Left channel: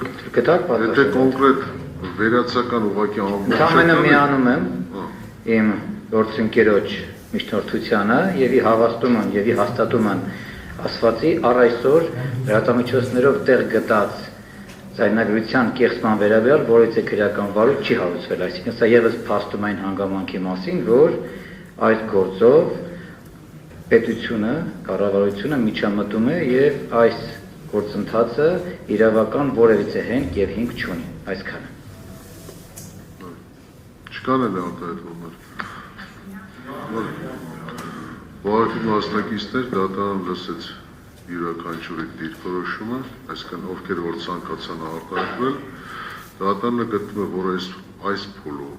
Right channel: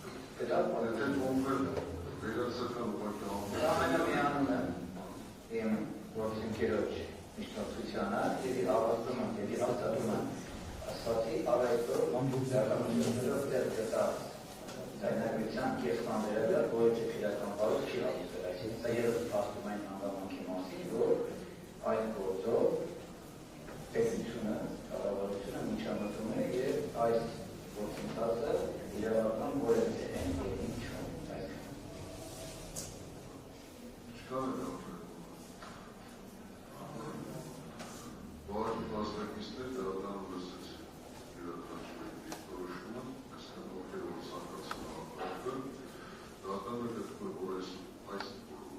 Գտակ պատասխան։ Եթե կոնկրետ վերացական ուղղակի ամենը միանում եմ իմ գործընկերոջ միջնորդությանը եւ հաստատում են ասվածի առ այսօր լրատվամիջոցներով տեղ գտած ձայնագրության կեղծման վերաբերյալ որևէ քրեական վարույթ չի հարուցվել, այսինքն սա եւս փաստում այն հանգամանքի մասին, որ այս գործով պետությունը, կառավարությունը միջամտում է եւ այս գործընթացը իրավական որևիցե հենք եւ հիմք չունի, այսքանը։ Չկան էլ արտահայտումներ։ Բողոքի մասնակիցներ դատարան լսեց յուրաքանչյուրի դիրքորոշումը, այսինքն ովքեր որ ցանկացան արտահայտվել, դատարանը գտնում է, որ այս փուլում,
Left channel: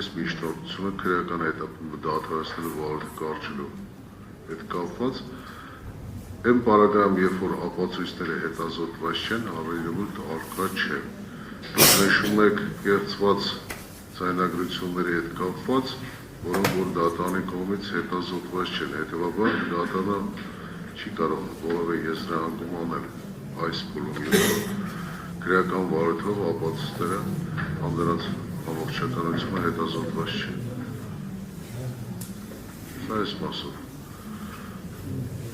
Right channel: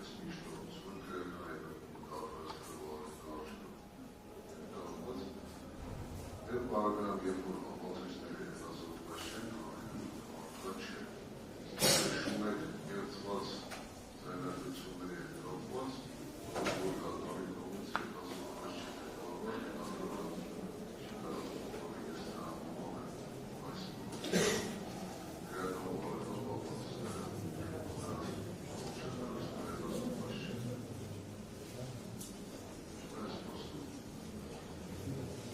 այս միջնորդությունը քրեական հետապնդումը դադարեցնելու վարորդը կարճելու հետ կապված Եմ պարագրամ, երբ որ ապացույցները հետազոտված չեն, առերևույթ առկա չէ։ Դուք նշում եք կեղծված ձայնագրությունների հետ կապված, որոնք որ դատարանի կողմից հետազոտված չեն, հետևաբար դատարանը չի կարող որևէ եզրահանգում անել այս փուլում, քրեական վարույթով ապացույցները կամ դրանց ամբողջականությունը հետազոտված չէ։ Սա այս մասով։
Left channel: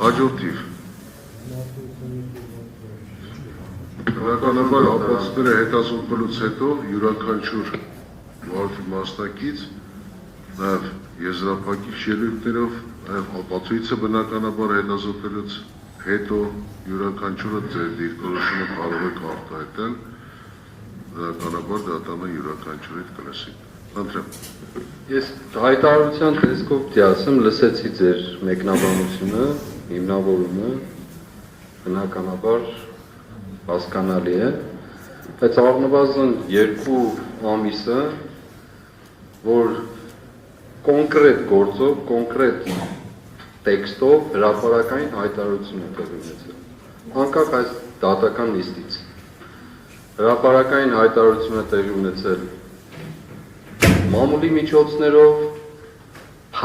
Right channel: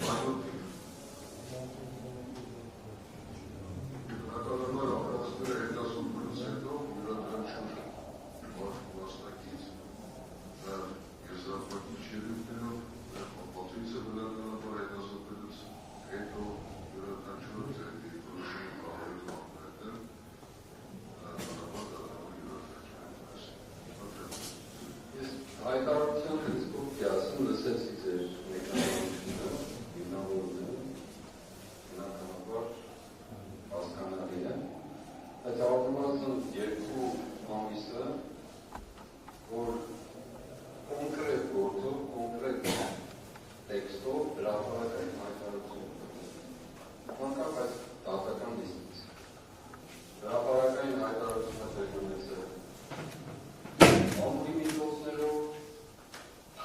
Հաջորդիվ Բնականաբար ապացույցները հետազոտվելուց հետո յուրաքանչյուր վարորդի մասնակից նաև եզրափակիչ ելույթներով, նաև ապացույցը բնականաբար հետազոտվելուց հետո յուրաքանչյուրը ձեր դիրքորոշումը կարող եք արտահայտել, բնականաբար դատարանը յուրաքանչյուրից կլսի։ Խնդրեմ։ Ես հայտարարության տեսքով պիտի ասեմ, լսեցի ձեր մեկնաբանությունը, հիմնավորումը, բնականաբար հասկանալի է, բայց առնվազն 2 ամիսը, որ կոնկրետ գործով, կոնկրետ տեքստով հրապարակային հայտարարություն է տեղի ունեցել, անկախ այս դատական նիստից։ Հրապարակային հայտարարություն է տեղի ունեցել մամուլի միջոցներով,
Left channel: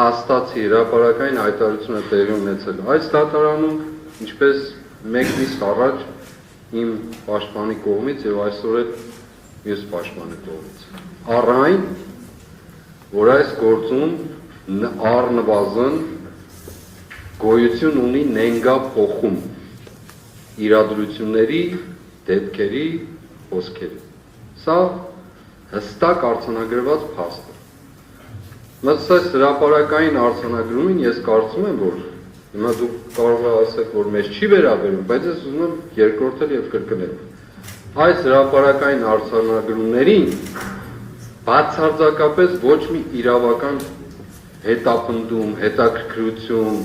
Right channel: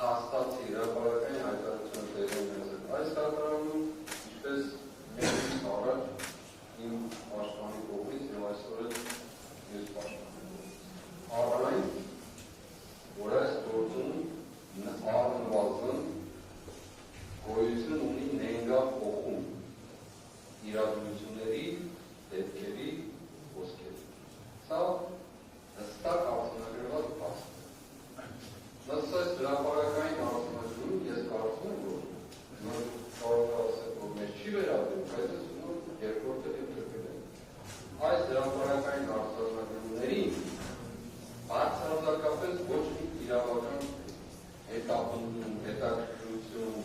հաստացի հրապարակային հայտարարություն է տեղի ունեցել այս դատարանում, ինչպես մեկ նիստ առաջ իմ պաշտպանի կողմից եւ այսօր էլ մյուս պաշտպանի կողմից։ Առ այն, որ այս գործում առնվազն գոյություն ունի նենգափոխում իրադրությունների, դեպքերի, խոսքերի։ Սա հստակ արձանագրված փաստ է։ Մսած հրապարակային արձանագրումին ես կարծում եմ, որ հիմա դուք կարող եք ասել, որ մեզ չի վերաբերում, բայց ես ուզում եմ երկրորդել եւ կրկնել։ Այս հրապարակային արձանագրումներին բացարձակապես ոչ մի իրավական հետապնդում, հետաքրքրություն,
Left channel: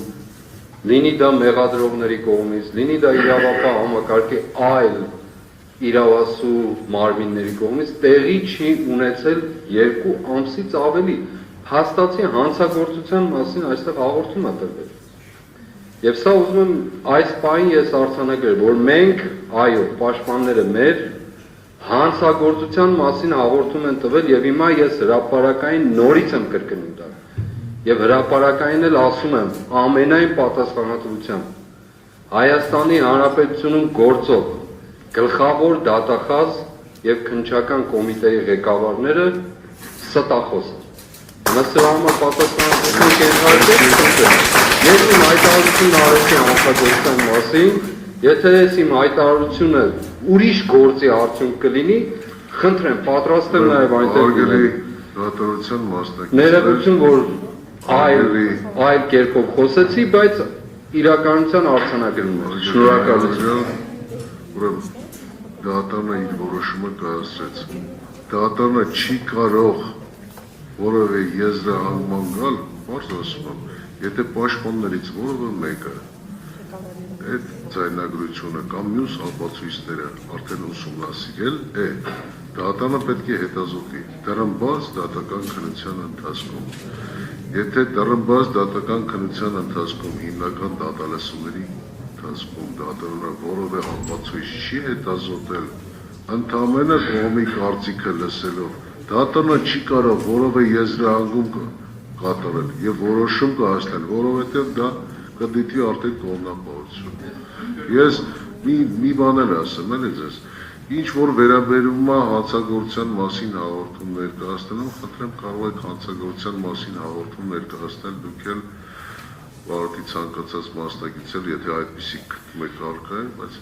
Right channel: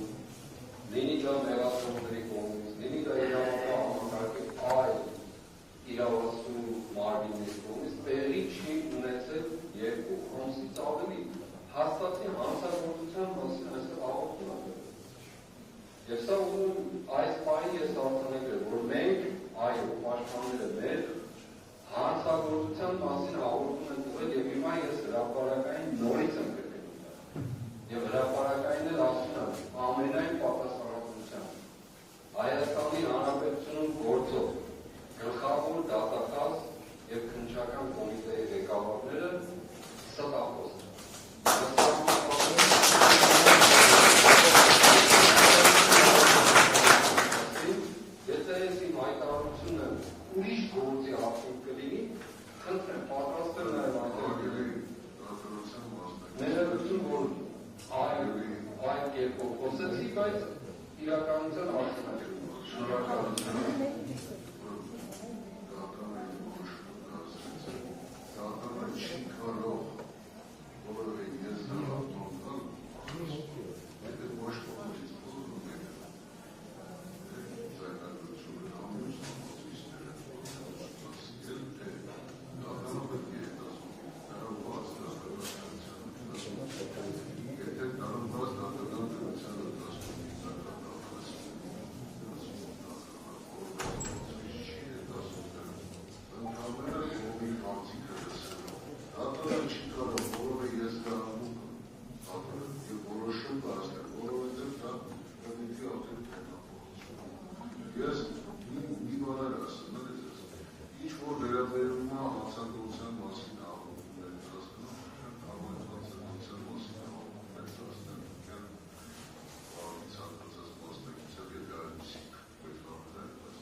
լինի դա մեղադրողների կողմից, լինի դա իրավապահ համակարգի այլ իրավասու մարմինների կողմից տեղի չի ունեցել 2 ամսից ավելի։ Հաստացի հանցագործության մասին այստեղ հաղորդում է տրվել։ Եվ սա ուզում եմ այս պահին ես արձանագրել, որ մենք, այո, պաշտպանները մեր հանցագործության մասին հաղորդում են տվել եւ հիմա ես հրապարակային նորից եմ կրկնում դա։ Եվ հրապարակային էլ ասում եմ ամենայն պատասխանատվությամբ Հայաստանի Հանրապետությունում գործող գլխավոր դատախազ եւ քննչական կոմիտեի ղեկավարները ստախոս են։ Մսրամը պատասխանատվություն կենտրոնացել, ես իմ հայտարարություն արեցի հանցագործության մասին, եթե ես իմ հայտարարությունը ուրիշ գործի արդյունք կլինի, խնդրեմ, պատրաստ եմ նաև այնտեղ Արգելի դատարության մասնակիցներ։ Ներողություն, որ այլ կերպով խոսեցի, բայց իրականության արձանագրում է։ Շնորհակալություն։ Ուրեմն դատարանը իր որոշումը կայացրեց։ Դատարանը չի կարող որևէ եզրահանգման գալ, բարձ ասում եմ, եթե պաշտպաններից որևէ մեկը այդ ձայնագրությունը կամ մյուս ապացույցները արդեն ուսումնասիրել է, դատարանը պետք է հետազոտի դեռնբաց դատական քննության ընթացքում։ Եթե դեռնբաց դատական քննության ընթացքում հիմնական դատալսումների ընթացքում դատարանը որևէ ապացույց չի հետազոտել, ընդամենը կողմի կարծիքը լսելով, դատարանը չի կարող որևէ եզրահանգում կատարել եւ որոշում կհասնել, որովհետեւ դա կդիտի արդեն կողմնապահություն։ Ես մի բան էլ ասեմ, էլի ձեզ, Ինչ որ վերաբերում է հանցագործության մասին հաղորդում ներկայացնելուն, խնդրեմ կարող եք հանցագործության մասին հաղորդում ներկայացնել դուք էլ վարորդի ցանկացած մասնակիցել, եթե այդպիսի գտնում եք արկա է, բայց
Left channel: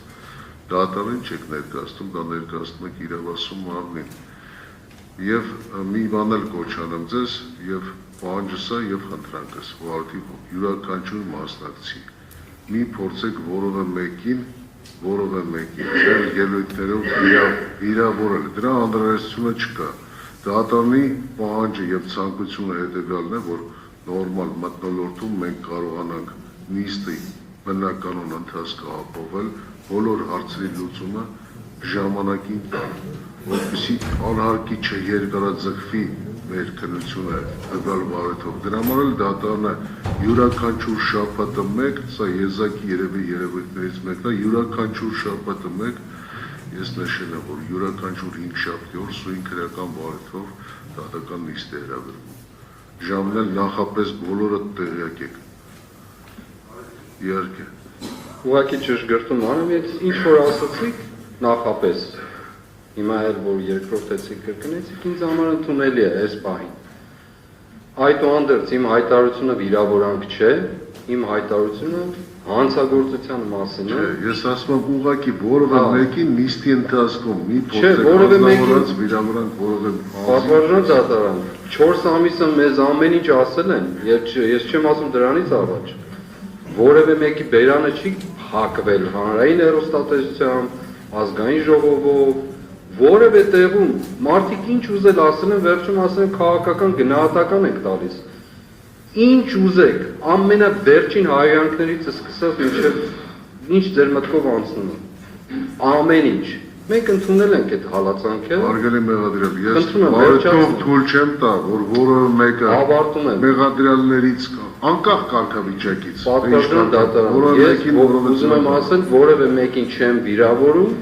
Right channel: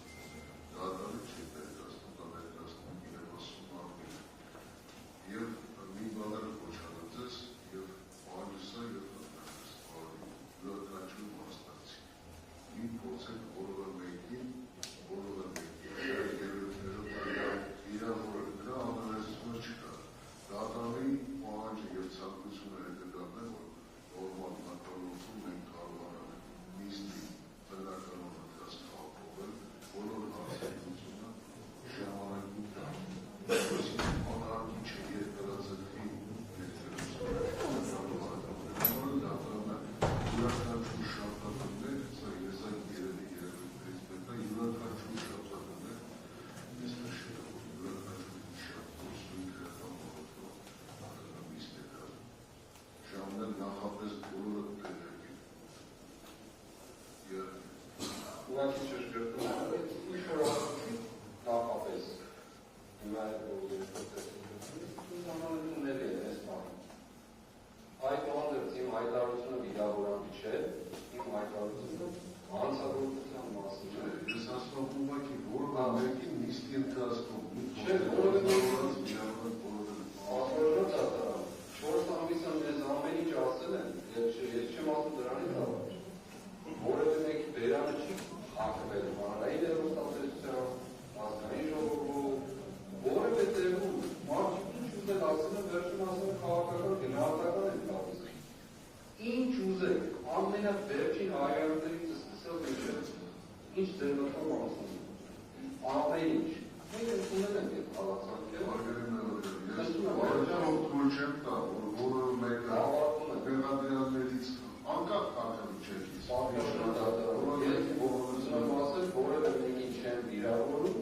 դատարան չեք ներկայացնում, դա ներկայացնում եք իրավասու մարմին։ Եվ մի բան էլ կոչանեմ ձեզ, եւ պահանջս է եւ խնդրանքս, վարորդի յուրաքանչյուր մասնակցի։ Մի փորձեք որևէ մեկին ձեր ելույթներով վիրավորել, դրա անհրաժեշտությունը չկա։ Դատարանի պահանջը եւ ցանկությունը հետեւյալն է, որ նորմալ մթնոլորտում մենք կարողանանք նիստի բնականon ընթացքը ապահովել, բոլոր հարցերի լուծումը ժամանակին տալ, որպեսզի անհարկի չերկարաձգվի մեր քննությունը տվյալ վարորդով։ Դրա համար էլ դատարանը յուրաքանչյուր շաբաթը մեկ, սա եզակի երևի երևույթներից մեկն է, յուրաքանչյուր շաբաթը մեկ, ես նշել եմ, որ յուրաքանչյուր 5 շաբթի օր սույն քրեական վարորդով դատական նիստ է հրավիրվում։ Ժամն էլ նախապես բոլորը տեղյակ եք։ Իհարկե։ Ուղղակի ճշգրտում անեմ, ես ինչ որ ասացիք նախապես, հիմա էլ որ երկրորդեցիք կրկնեցիք, ինձ համար ընդունելի է այս պահին։ Այդուհանդերձ իմ հայտարարությունը վիրավորանք չէ, իմ հայտարարությունը հանցագործության մասին է։ Ես ասում եմ ուղղակի որևէ մեկին նիստի ընթացքում մի որևէ մեկին վիրավորանք որևէ պատվարժան դատարան 4 ամիսը մեզ ամեն ինչ ասել են, ես չեմ ասում դրանից առաջ։ Որևէ մեկի բերանը չի հակվել հանրային հեռուստատեսությամբ, ազգային ժողովով, որևէ տեղում մարդիկ ինչ ուզել ասել են, վերջում ասել են քաղաքական գնահատական եք տալիս։ Ինչ ուզեք, ամենավերջին հայրանքներից սկսած մինչև ինչ ձեր մտքով անցնում է։ Ամեն ինչ։ Մենք ընդունել ենք այդ հալածանքը։ Հարգելի մեղադրյալ, ես բարեթող թույլ չեմ տա, որ որևէ մեկը ավարտում եմ մեղադրյալներից անկախ կարգավիճակից պատվարժան դատարան։ Ես ուզում եմ ասել, որևէ մեկին չեմ վիրավորում,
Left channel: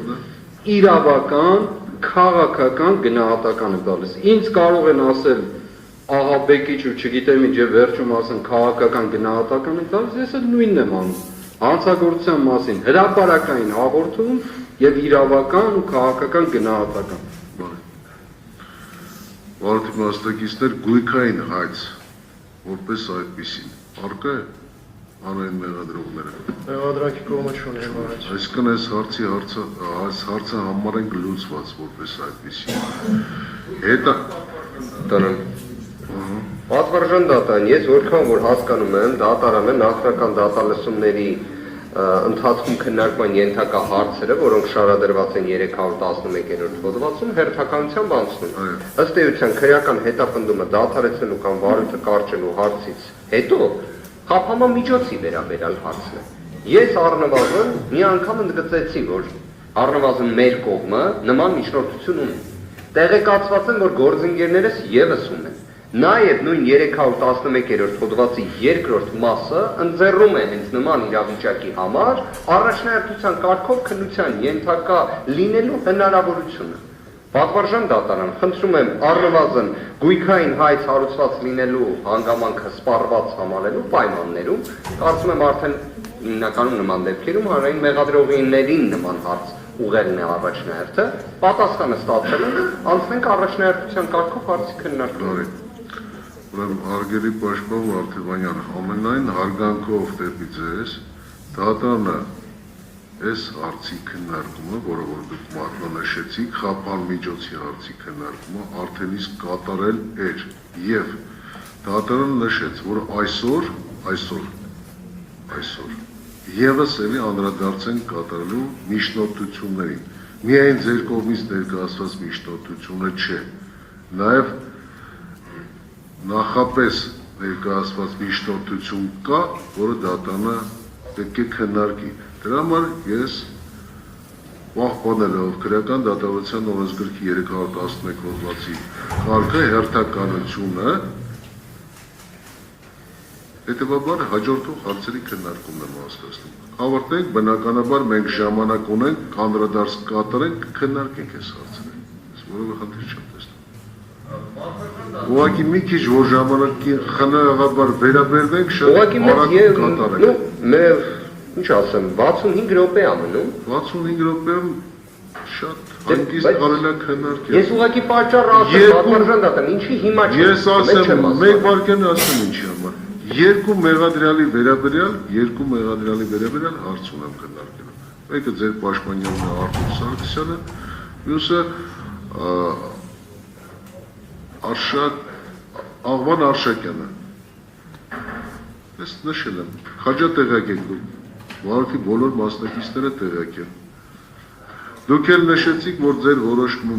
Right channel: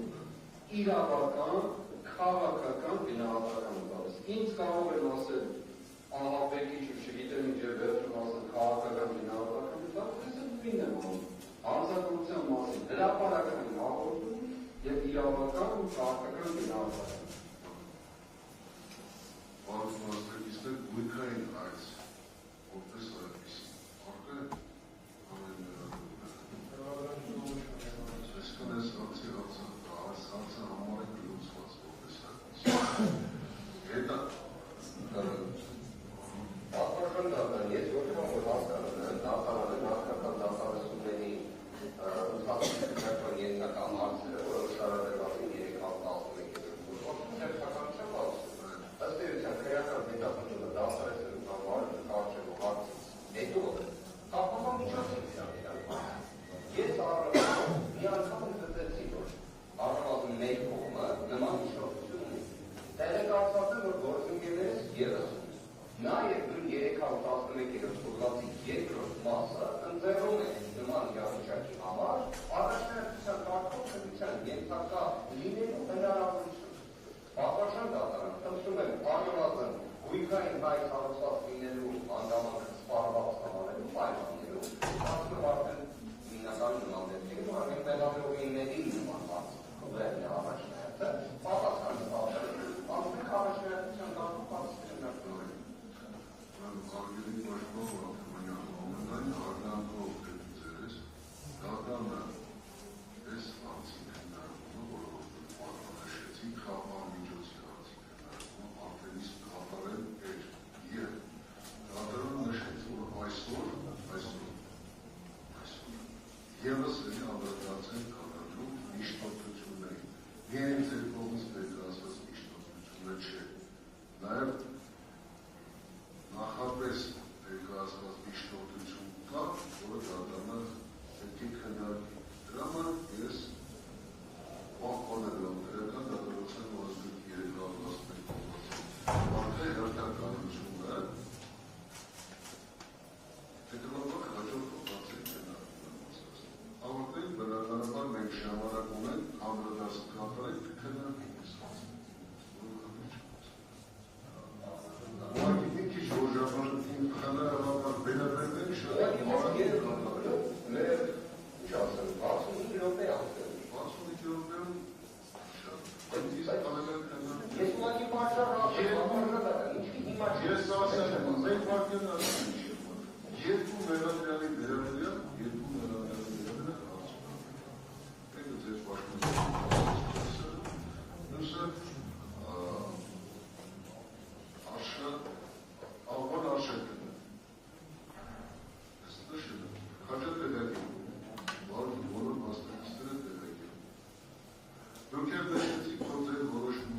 իրավական, քաղաքական գնահատական եմ տալիս։ Ինձ կարող են ասել ահաբեկիչ ու չգիտեմ ինչ եւ վերջում ասեն քաղաքական գնահատական եմ տալիս, ես էլ նույնն եմ անում։ Հանցագործության մասին հրապարակային հաղորդում եւ իրավական ու քաղաքական գնահատական։ Վարորդի մասնակիցներ գույքային հայց, որպես այդպեսին, արկա է անային մեղադրողները։ Մեղադրանքի կողմը չունի առաջ։ Այսինքն այս հարցը համարենք լուծված որպես այդպեսին։ Հետո Տնան։ Պատվարժան դատարան, ես որքան որ հասկանում եմ, դատարանը նախնական դատալսումների ընթացքում քննարկման ենթակա հարցերը, որոնք շարադրված են 311-րդ հոդվածում, հերթականությամբ անցնում։ Ըստ էության քրեական հետապնդումը դադարեցնելու կամ վարույթը կարճելու հարցից հետո խափանման միջոցի վերաբերյալ հարցն է։ Ես առնվազն մի անգամ ընդգծեցի, որ առնվազն մեր կողմը նման միջնորդություն ունի։ Տեղեկացված եմ, որ գործընկերներս եւս ունեն։ Նաև նույն 311-րդ հոդվածի երկրորդ մասը ընձեռում է հենց նման իրավիճակի համար առաջնահերթության կարգով քննության ենթակա լինելու հնարավորությունը։ Պատվարժան դատարան, խնդրում եմ առնվազն գույքային հայց հարուցված լինելու հանգամանքը սպառված համարելու պայմաններում, կարծում եմ արդեն հիմնականում նման դեպքերում հանրային մեղադրողիներին նման հարց ուղերն է առաջնահերթը, պատասխանը ստացել են, անցնենք առաջնահերթության կարգով հարցի քննարկման։ Ուրեմն հարգելի պաշտպան Վարդևանյան, ամենայն հարգանքով դեպի ձեզ, դատարանը այս հարցի քննարկումը, որը որ դուք մատնանշեցիք, խափան միջոցի հարցի քննարկումը արդեն իսկ կատարել էր եւ դատարանը նշեց, որ այսօր եւս էլի անդրադարձեն կատարելու միջնորդություններին։ Միայն ձեր կողմից ներկայացված միջնորդությունը չէ, նաեւ նախապես ներկայացված միջնորդություն կա, որը դատարանը պետք է քննարկի։ Դրա համար ես պահպանելով քրեական դատավարության օրենսգրքի 311 հոդվածի կարգը հերթականությունը, հետևաբար հաջորդող հարցերի քննարկումն եմ հասկացնում։ Ավարտենք, բնականաբար մենք ժամանակ ունենք, անդրադարձ կատարենք, քննարկենք այս հարցերը։ Ես որևէ խնդիր չեմ տեսնում։ Ուղղակի մի քիչ որ ժամանակի խնայողաբար վերաբերվենք, շատ արագ կատարենք։ Ինչ ասեմ, 65 րոպե ամնում։ 65 րոպեում շատ հանգիստ կարելի է քննարկել։ Ես ուղղակի պատճառը ասեմ, պատվարժան դատան, ինչի հիմա չէ։ Ես ասեմ, մեկ վարքան ասեմ ինչի համար։ Երկու մեղադրյալի վերաբերյալ հարց ունեմ քննարկելու։ Մեկը ձեր պաշտպանյանն է Արտուր Սարգսյանը, մյուսը Աղվան Արշակյանը։ Ես նշել եմ, խաչա տեղյակ եք դուք, վարորդի բոլոր մասնակիցները տեղյակ են։ Դուք էլ նշեցիք, որ ձեր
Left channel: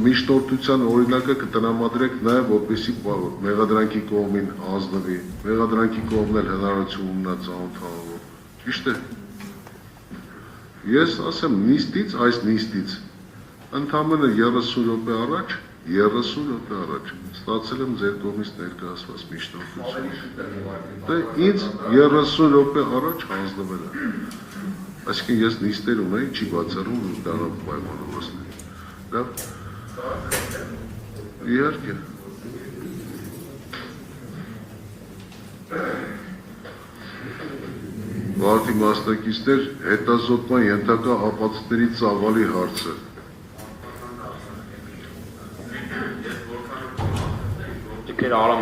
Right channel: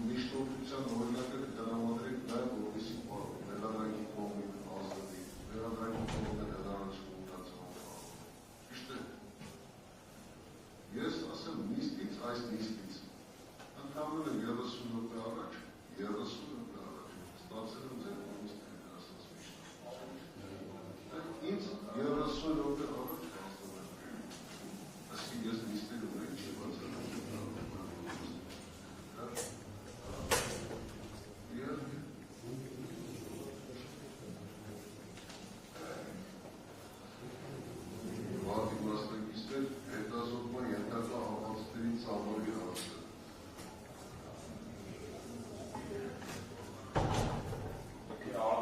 միջնորդության օրինակը կտրամադրեք նաև, որպեսզի մեղադրանքի կողմին ազնվի, մեղադրանքի կողմն էլ հնարավորություն ունենա ծանոթանալու։ Ճիշտ է։ Ես ասեմ, այս նիստից ընդամենը 30 րոպե առաջ ստացել եմ ձեր կողմից ներկայացված միջնորդություն։ Դե ինձ 30 րոպե առաջ հանձնվել է։ Այսինքն ես նիստեր ունեի, չի բացառում ու դառավ պայմանավորվածներ։ Լավ։ Իհարկե։ Վարդի մասնակիցներ հետազոտման ենթակա ապացույցների ծավալի հարցը։ Ջքեր Արամը